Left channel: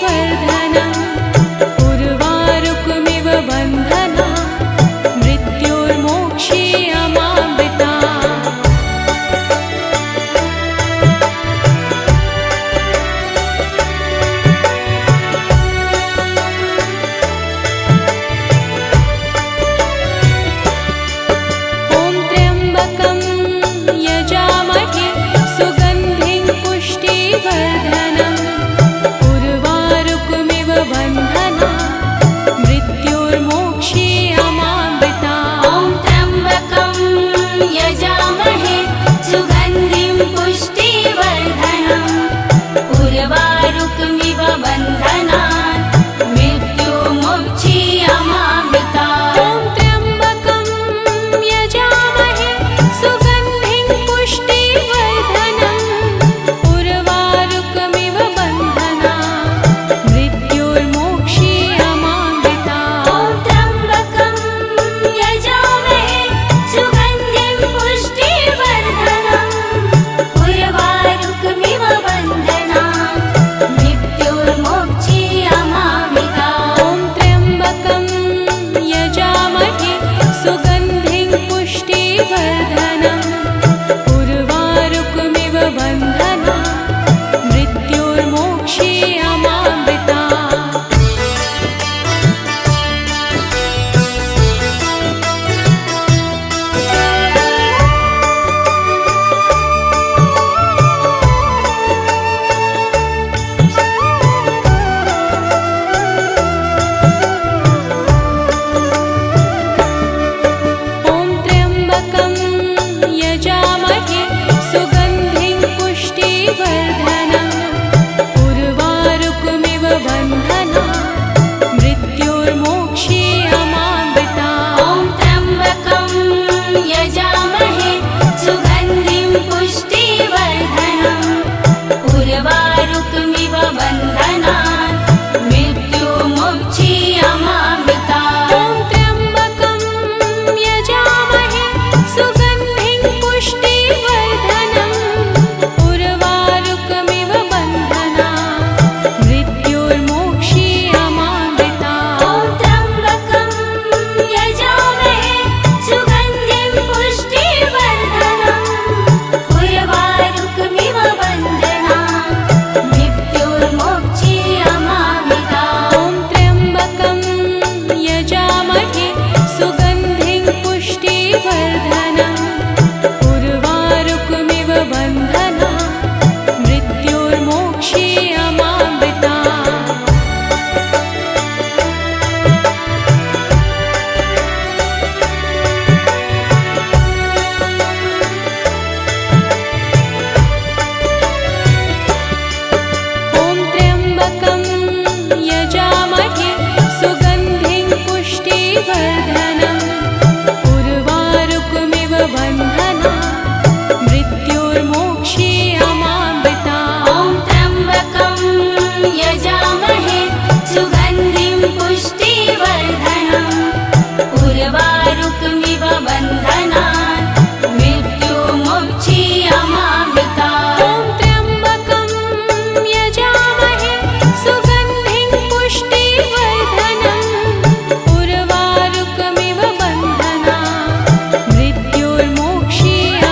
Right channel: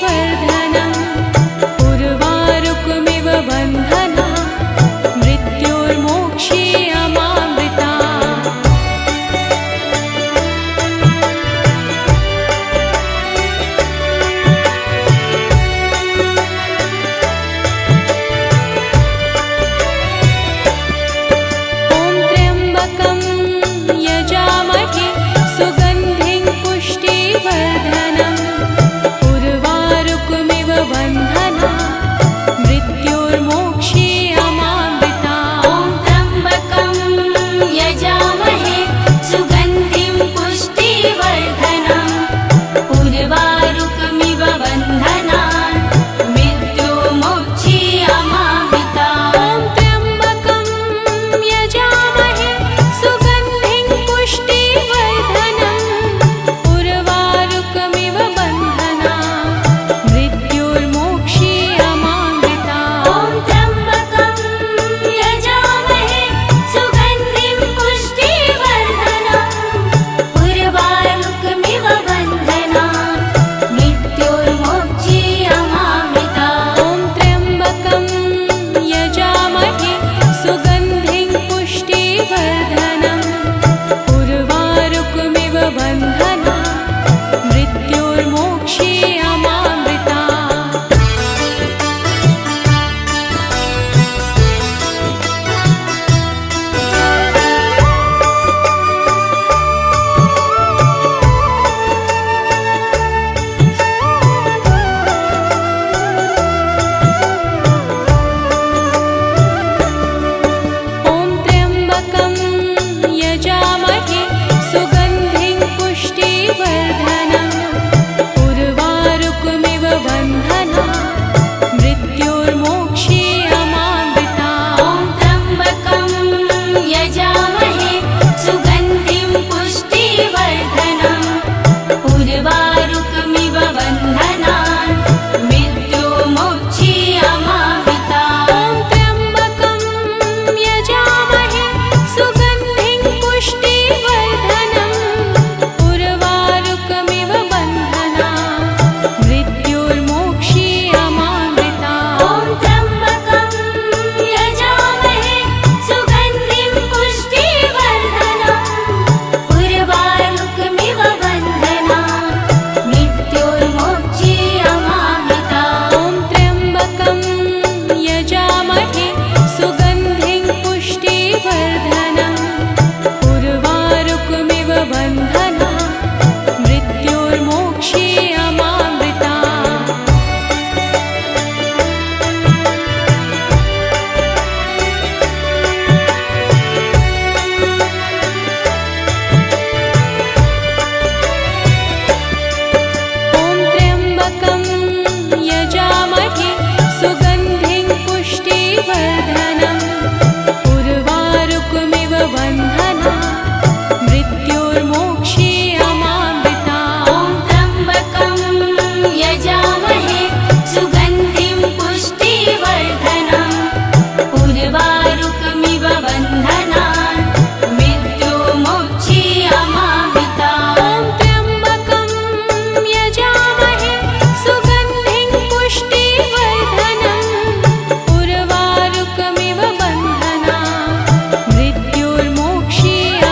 पुष्टिवर्धनम् उर्वारुकमिव बन्धना मृत्युर्मोक्षीयमामृता। यजामहे सुगन्धिं पुष्टिवर्धनम् उर्वारुकमिव बन्धना मृत्युर्मोक्षीयमामृता। ॐ त्र्यम्बकं यजामहे सुगन्धिं पुष्टिवर्धनम् उर्वारुकमिव बन्धना मृत्युर्मोक्षीयमामृता। ॐ त्र्यम्बकं यजामहे सुगन्धिं पुष्टिवर्धनम् उर्वारुकमिव बन्धना मृत्युर्मोक्षीयमामृता। ॐ त्र्यम्बकं यजामहे सुगन्धिं पुष्टिवर्धनम् उर्वारुकमिव बन्धना मृत्युर्मोक्षीयमामृता। ॐ त्र्यम्बकं यजामहे सुगन्धिं पुष्टिवर्धनम् उर्वारुकमिव बन्धना मृत्युर्मोक्षीयमामृता। ॐ त्र्यम्बकं यजामहे सुगन्धिं पुष्टिवर्धनम् उर्वारुकमिव बन्धना मृत्युर्मोक्षीयमामृता। ॐ त्र्यम्बकं यजामहे सुगन्धिं पुष्टिवर्धनम् उर्वारुकमिव बन्धना मृत्युर्मोक्षीयमामृता। ॐ त्र्यम्बकं यजामहे सुगन्धिं पुष्टिवर्धनम् उर्वारुकमिव बन्धना मृत्युर्मोक्षीयमामृता। ॐ त्र्यम्बकं यजामहे सुगन्धिं पुष्टिवर्धनम् उर्वारुकमिव बन्धना मृत्युर्मोक्षीयमामृता। ॐ त्र्यम्बकं यजामहे सुगन्धिं पुष्टिवर्धनम् उर्वारुकमिव बन्धना मृत्युर्मोक्षीयमामृता। ॐ त्र्यम्बकं यजामहे सुगन्धिं पुष्टिवर्धनम् उर्वारुकमिव बन्धना मृत्युर्मोक्षीयमामृता। ॐ त्र्यम्बकं यजामहे सुगन्धिं पुष्टिवर्धनम् उर्वारुकमिव बन्धना मृत्युर्मोक्षीयमामृता। ॐ त्र्यम्बकं यजामहे सुगन्धिं पुष्टिवर्धनम् उर्वारुकमिव बन्धना मृत्युर्मोक्षीयमामृता।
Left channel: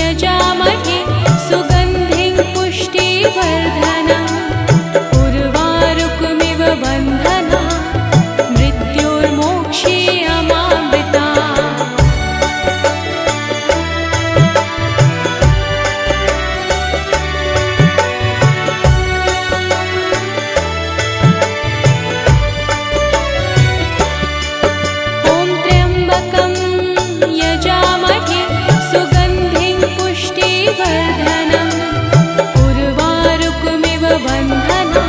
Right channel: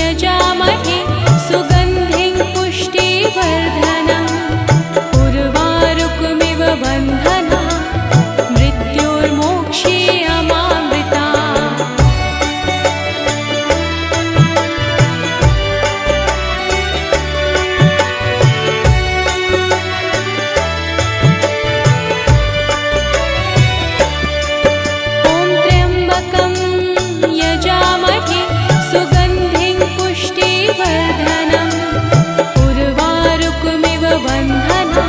यजामहे सुगन्धिं पुष्टिवर्धनम् उर्वारुकमिव बन्धना मृत्योर्मोक्षीयमामृता यजामहे सुगन्धिं पुष्टिवर्धनम् उर्वारुकमिव बन्धना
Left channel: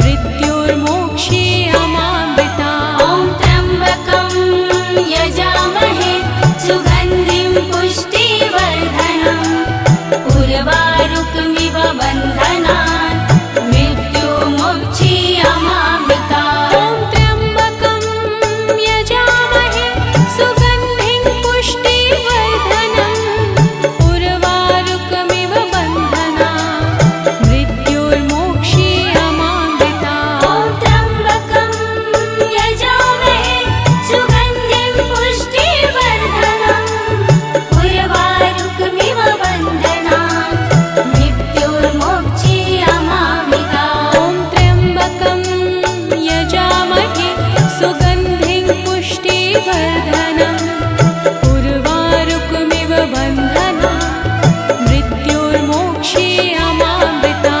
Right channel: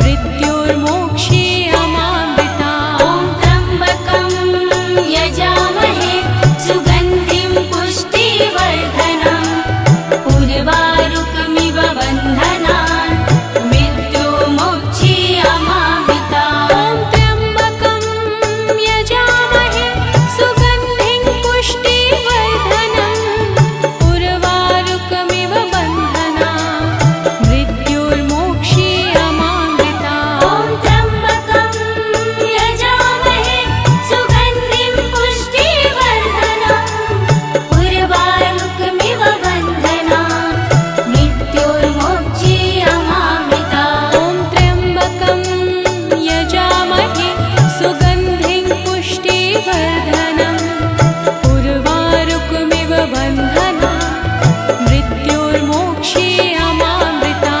मृत्योर्मोक्षीयमामृता त्र्यम्बकं यजामहे सुगन्धिं पुष्टिवर्धनम् उर्वारुकमिव बन्धना मृत्योर्मोक्षीयमामृता त्र्यम्बकं यजामहे सुगन्धिं पुष्टिवर्धनम् उर्वारुकमिव बन्धना मृत्योर्मोक्षीयमामृता त्र्यम्बकं यजामहे सुगन्धिं पुष्टिवर्धनम् उर्वारुकमिव बन्धना मृत्योर्मोक्षीयमामृता त्र्यम्बकं यजामहे सुगन्धिं पुष्टिवर्धनम् उर्वारुकमिव बन्धना मृत्योर्मोक्षीयमामृता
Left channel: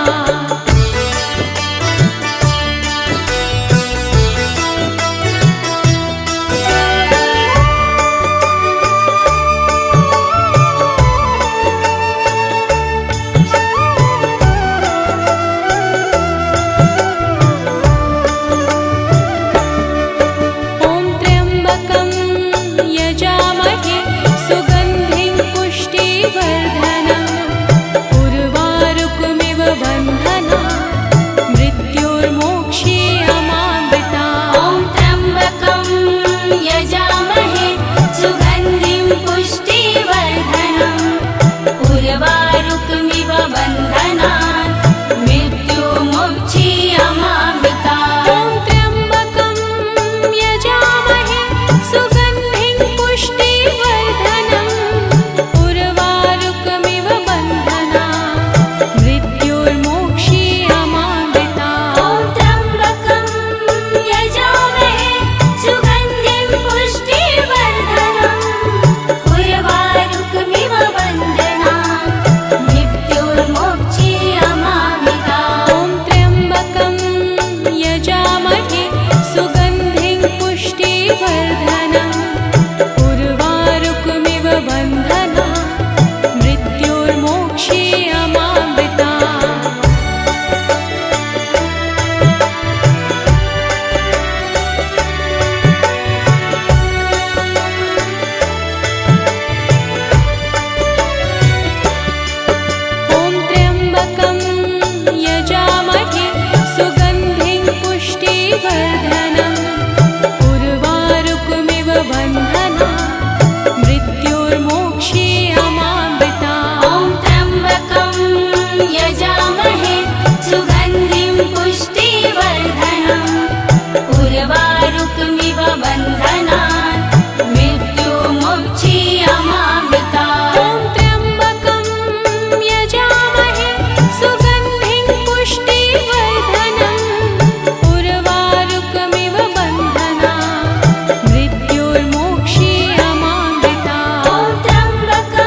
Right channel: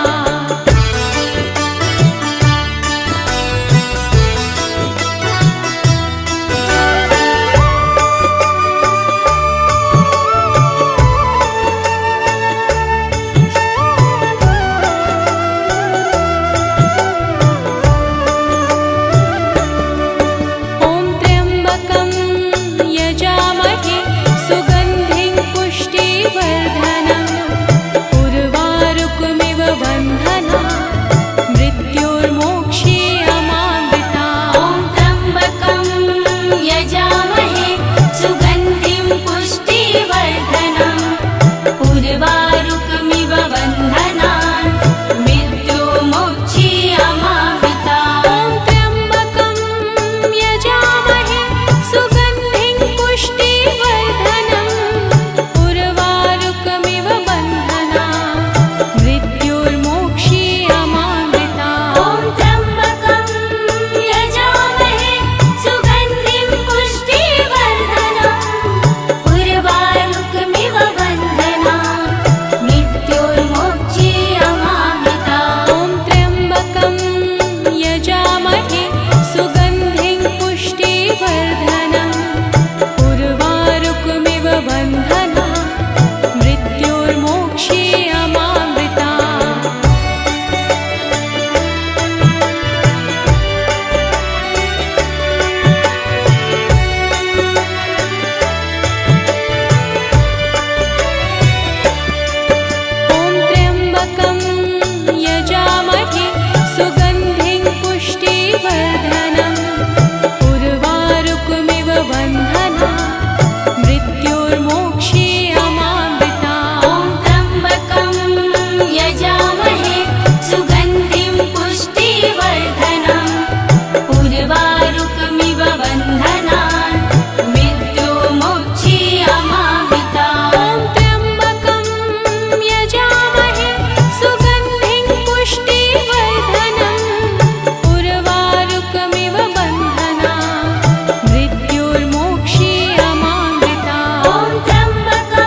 त्र्यम्बकं यजामहे सुगन्धिं पुष्टिवर्धनम् उर्वारुकमिव बन्धना मृत्योर्मोक्षीयमामृता त्र्यम्बकं यजामहे सुगन्धिं पुष्टिवर्धनम् उर्वारुकमिव बन्धना मृत्योर्मोक्षीयमामृता त्र्यम्बकं यजामहे सुगन्धिं पुष्टिवर्धनम् उर्वारुकमिव बन्धना मृत्योर्मोक्षीयमामृता त्र्यम्बकं यजामहे सुगन्धिं पुष्टिवर्धनम् उर्वारुकमिव बन्धना मृत्योर्मोक्षीयमामृता त्र्यम्बकं यजामहे सुगन्धिं पुष्टिवर्धनम् उर्वारुकमिव बन्धना मृत्योर्मोक्षीयमामृता त्र्यम्बकं यजामहे सुगन्धिं पुष्टिवर्धनम् उर्वारुकमिव बन्धना मृत्योर्मोक्षीयमामृता त्र्यम्बकं यजामहे सुगन्धिं पुष्टिवर्धनम् उर्वारुकमिव बन्धना मृत्योर्मोक्षीयमामृता त्र्यम्बकं यजामहे सुगन्धिं पुष्टिवर्धनम् उर्वारुकमिव बन्धना मृत्योर्मोक्षीयमामृता त्र्यम्बकं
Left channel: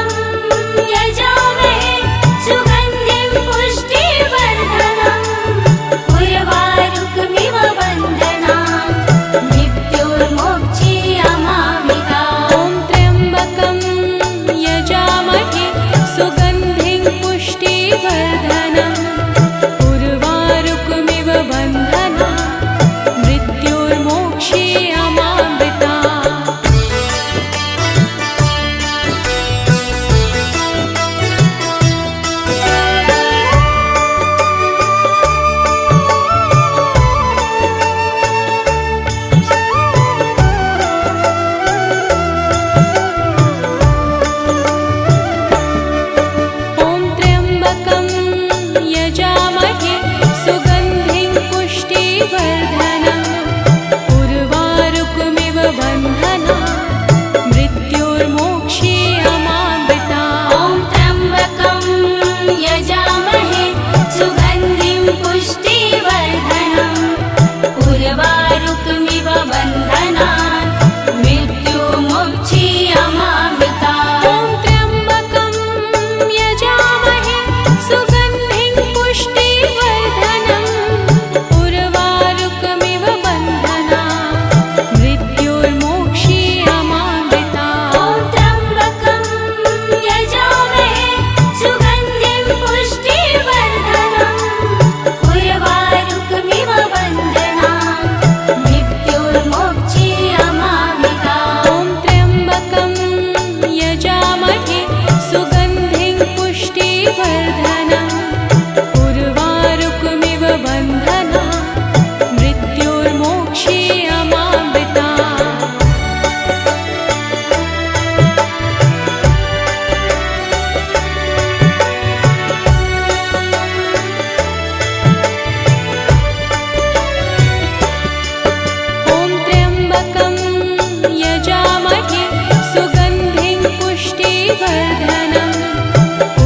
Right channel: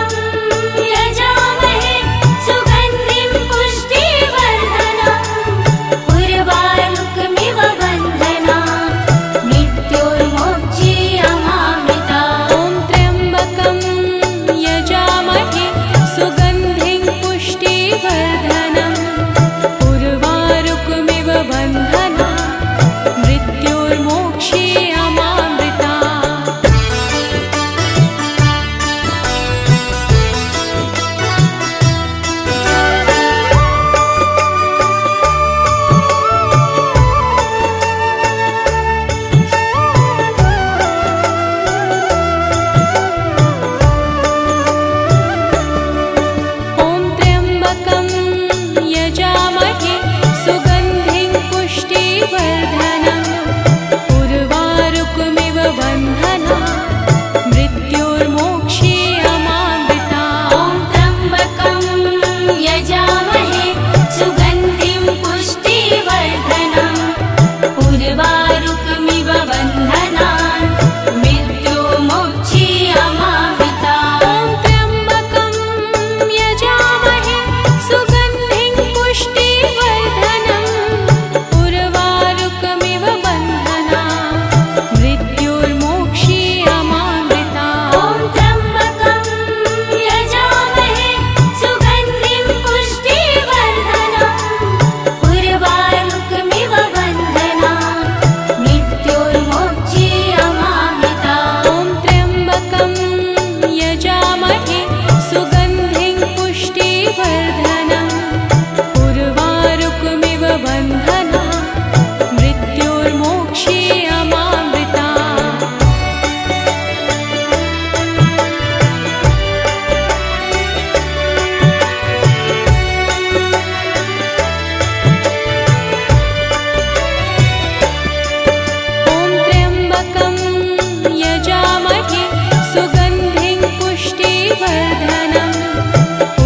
पुष्टिवर्धनम्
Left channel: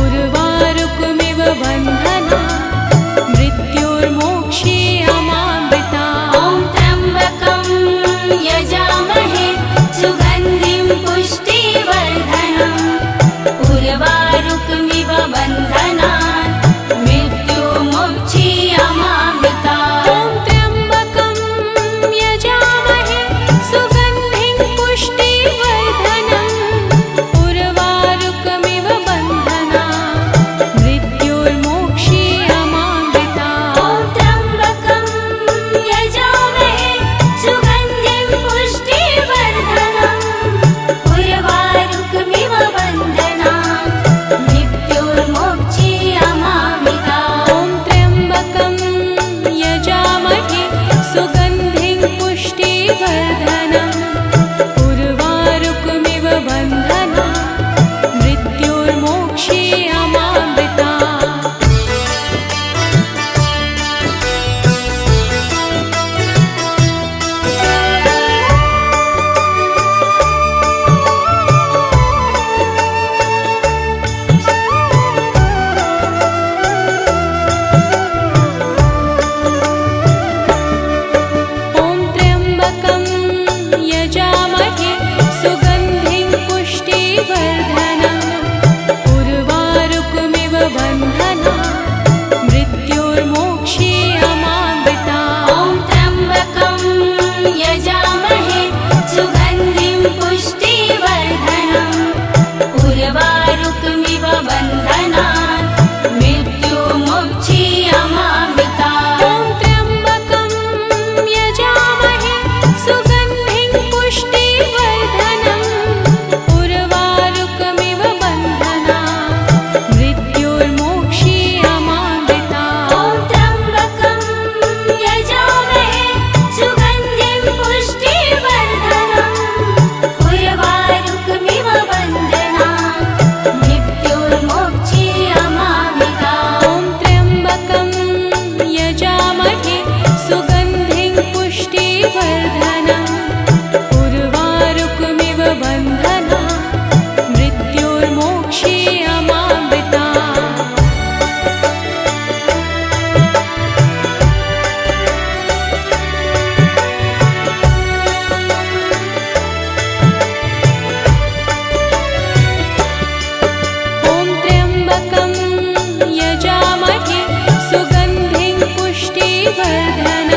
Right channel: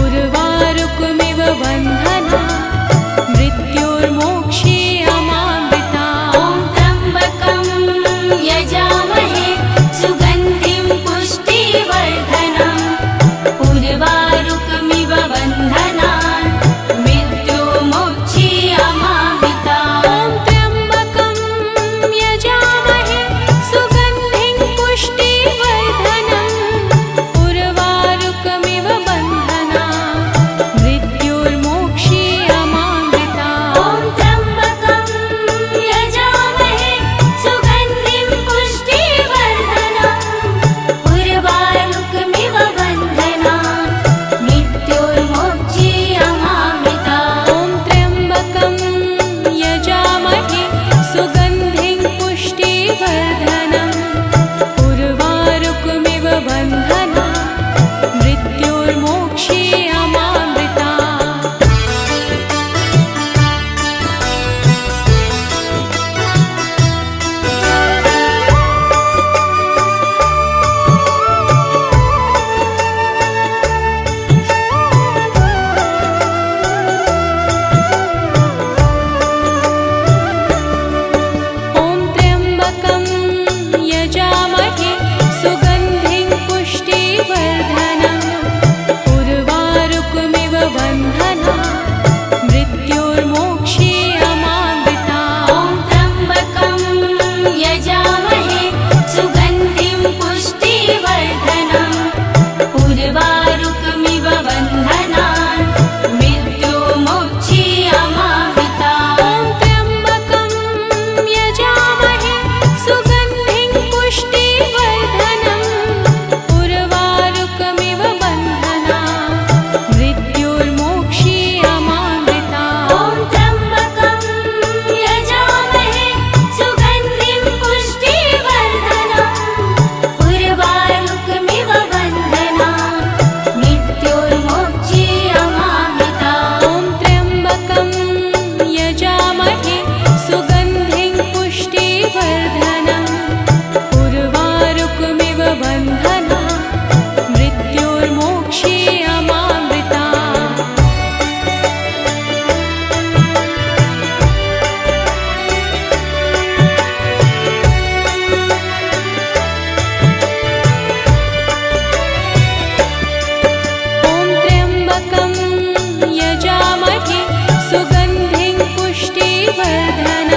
उर्वारुकमिव बन्धना मृत्योर्मोक्षीयमामृता ॐ त्र्यम्बकं यजामहे सुगन्धिं पुष्टिवर्धनम् उर्वारुकमिव बन्धनात् मृत्युर्मोक्षीयमामृता ॐ त्र्यम्बकं यजामहे सुगन्धिं पुष्टिवर्धनम् उर्वारुकमिव बन्धना मृत्योर्मोक्षीयमामृता ॐ त्र्यम्बकं यजामहे सुगन्धिं पुष्टिवर्धनम् उर्वारुकमिव बन्धनात् मृत्योर्मोक्षीयमामृता ॐ त्र्यम्बकं यजामहे सुगन्धिं पुष्टिवर्धनम् उर्वारुकमिव बन्धना मृत्योर्मोक्षीयमामृता ॐ त्र्यम्बकं यजामहे सुगन्धिं पुष्टिवर्धनम् उर्वारुकमिव बन्धना मृत्योर्मोक्षीयमामृता ॐ त्र्यम्बकं यजामहे सुगन्धिं पुष्टिवर्धनम् उर्वारुकमिव बन्धनात् मृत्युर्मोक्षीयमामृता ॐ त्र्यम्बकं यजामहे सुगन्धिं पुष्टिवर्धनम् उर्वारुकमिव बन्धना मृत्योर्मोक्षीयमामृता ॐ त्र्यम्बकं यजामहे सुगन्धिं पुष्टिवर्धनम् उर्वारुकमिव बन्धनात् मृत्युर्मोक्षीयमामृता ॐ त्र्यम्बकं यजामहे सुगन्धिं पुष्टिवर्धनम् उर्वारुकमिव बन्धना मृत्योर्मोक्षीयमामृता ॐ त्र्यम्बकं यजामहे सुगन्धिं पुष्टिवर्धनम्